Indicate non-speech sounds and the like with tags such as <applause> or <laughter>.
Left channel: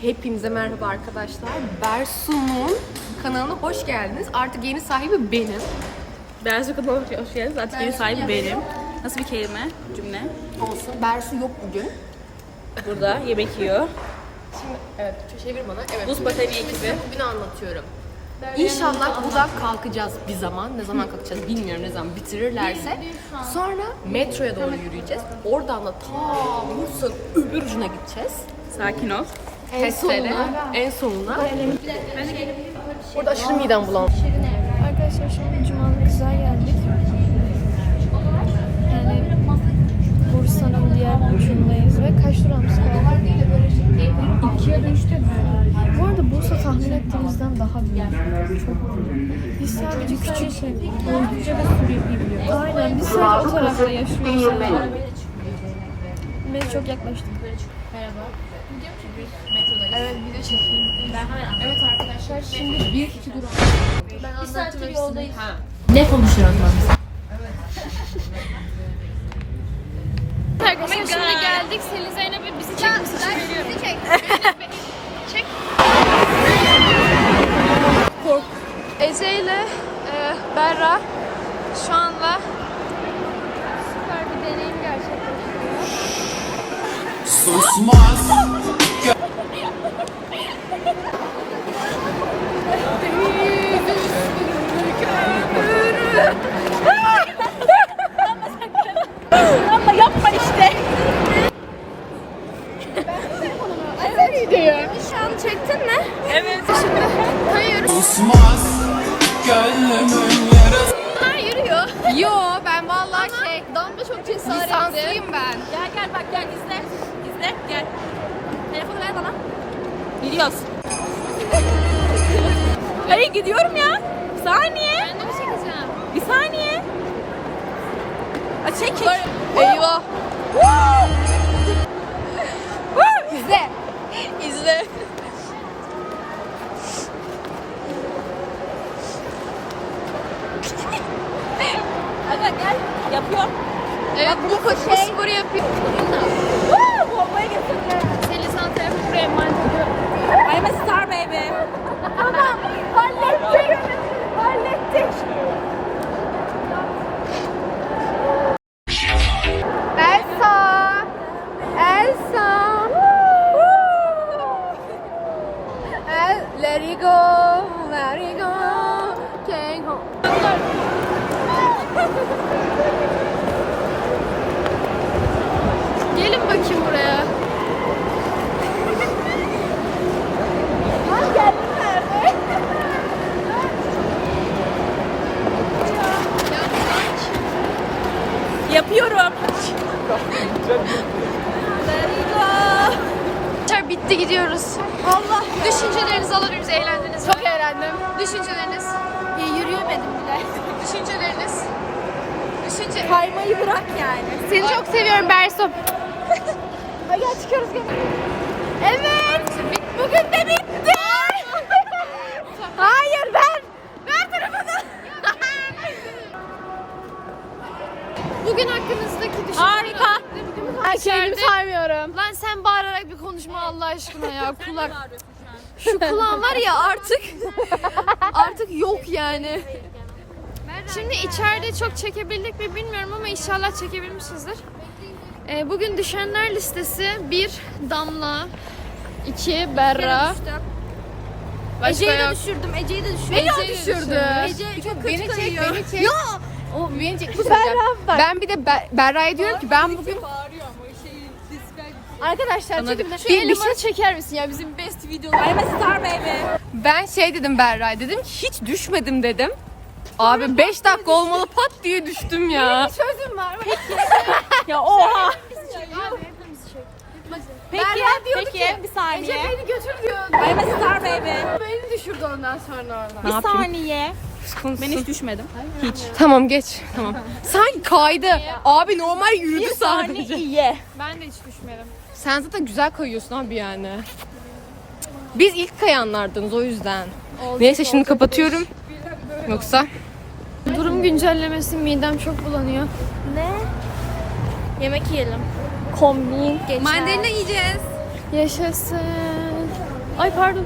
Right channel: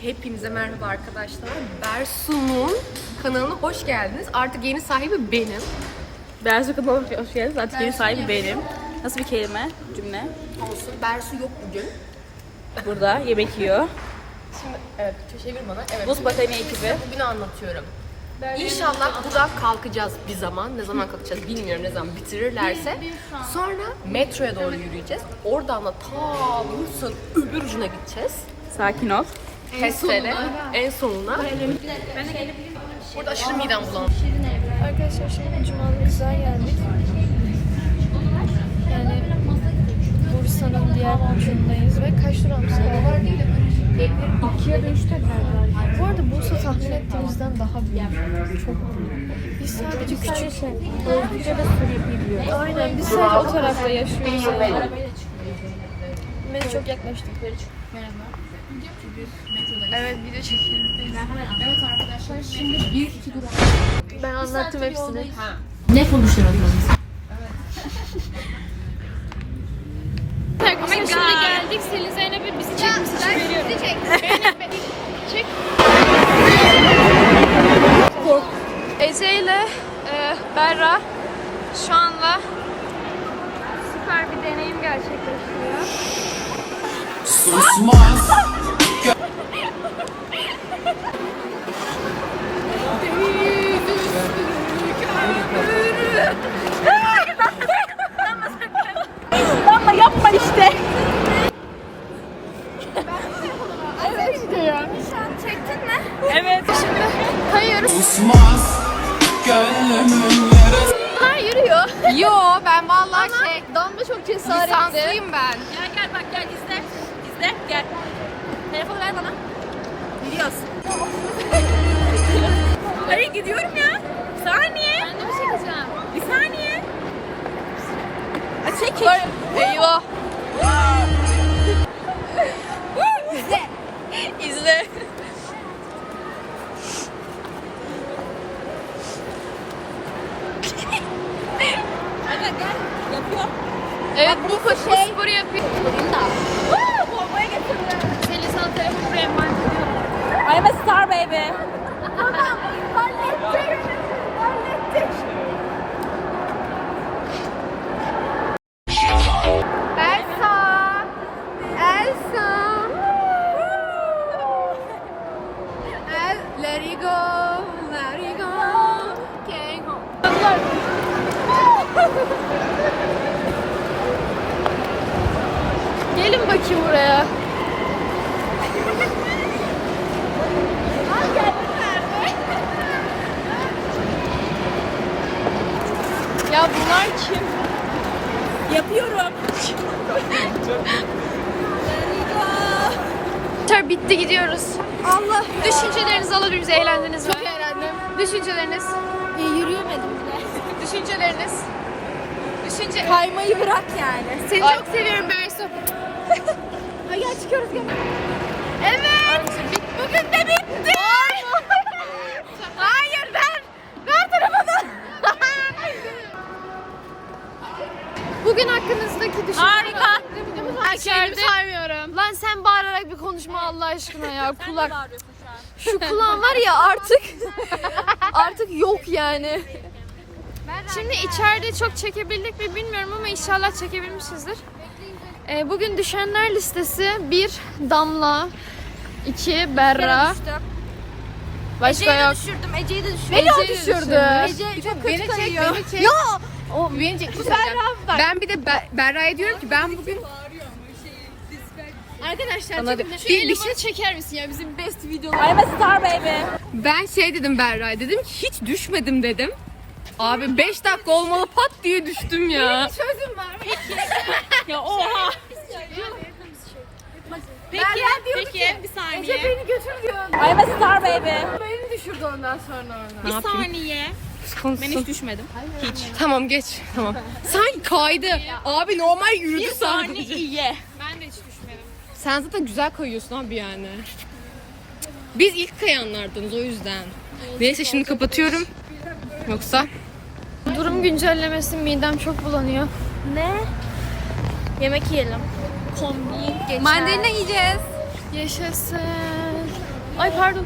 Hepinize merhaba arkadaşlar. Bersu'nun kanalına hoş geldiniz. Artık yeni sahibi benim. Bersu kanalına hoş geldiniz. Artık yeni sahibi benim. Nasıl bir kelime, cümle? Olsun. Bersu yok bugün. Burada yemek yiyor. Evet, çevir bana. Evet. Buz pateni Şimdi size bugünü anlatıyorum. İnşallah burada kalkacağız bir zaman. Ne zaman kalkacağız bilmiyorum ne zaman bitirirlerse. Sonra metroya doğru yürüyeceğiz. Oradan da ta Bursa'nın öbür ucuna gideceğiz. Sakin ol. Testere. En sonuna. Orada aşırı midem bulandı. Arkadaşlar şimdi Cumalı Kızlar geldik. Yani Bursa'nın diğer ucundayız ve kaç durağımız kaldı? İki ya da üç Bu arada Bursa tahmin ettiğimizden daha büyük. Çok büyük. Biz sadece küçük şey. Aynen biz sadece o tarafta yaşıyoruz. Biz çok yaklaştık. Evet video çekiyoruz. Evet arkadaşlar şimdi bir iki durak. Ben anlattım hepsini. Ne konuşuyoruz lan Arkadaşlar şimdi geldik. Selin Zeynep'e bizi çekmiş için veriyorum. Ece ile e, Berra şu anda süper bir deneyim gerçekleştiriyor. Susmaz Evet. Şimdi kayıyoruz. Susmaz Gönlümün yarası Yo ben vallahi şey Damla çok cesaretli. lisanslıyım ben. Gel gel bak gel izle. İzle gel. Telefonu ver bana. Gidiyoruz. Hayır gidiyorum ya. Bir saniye. Ben de bir çekeceğim. Bir saniye. Aa, çek çek. Eyvah. İzle. İzle. Hadi gel. Yapıyorum. Evet bu paşa sporu yapıyor. Bombaya getirme. Seni sana telefonu buraya emanet ediyorum. I'm a star baby. Hallettik. Hallettik. Elsa. Elsa. El, let it go. Let it go. Can't go. Bakayım buraya. Yapıyorum. Arkadaşlar bitti gidiyoruz. Allah. Düşüncelerinizi alabiliriz. Eğlendiniz mi? Çok eğlendim. Düşünceleriniz. Yürüyemedim bile. Düşünceleriniz. Düşünce... Kaymayı bırak yani. Seni çok seviyorum Bersu. <laughs> Hadi gel çıkıyoruz gel. Evet. Bugün de bitti. Hayır ben. Ver telefonu. <laughs> Bugün hakkınızdaki düşünceleri Harika. İçeride. saymıyorum. Lan sen bağırarak bir konuşma Allah aşkına ya kulak. Şu kulağın var ya artık artık yok yani. Şimdi içeride çok çekebildik mi bilmiyorum ama inşallah çekebilmişizdir. Ee, bugün düşenler listesi bir Damla, iki Berra. Başka Ece'yi de düşürdüm. Ece'yi de düşürdüm. Beni o düşürdü. Ece çok kötü kalıyor. Ya o beni çek. Ben bir de Ber- Berra'ya diyorum ki ben bugün Arkadaşlar Bana çekin de- şu bir- bir elimi şey- çeker misin ya bizim best video. I'm a star baby. ben şey dedim Berra'ya dedim ki hiç düşmedim dedim. Abi 5 dakika olmalı pat diye düştüm ya. Sözüm var. Ya oha. Peki, Berra diyordu peki, ki, bir saniye. Ece beni götür diyor. I'm a star baby. Beni düşürdü ondan sonra oradan. Ne Bir yapayım? saniye. Ben hiç düşmedim. Tamam geç. Tamam. Sen kaydı. Abi normal yürüdü sadece. İyi. Ben de hiç düşmedim. Sen zaten güzel kayıyorsun abi yani. Biz ilk kayanlardınız o yüzden. Neyse şimdi kapatıyorum. Yoksa Durum güncellemesi midem çok bulanıyor. Ne? Yemek yiyelim. Kombin geçer. mandalina yiyeceğiz. Yaşasın. Ay pardon.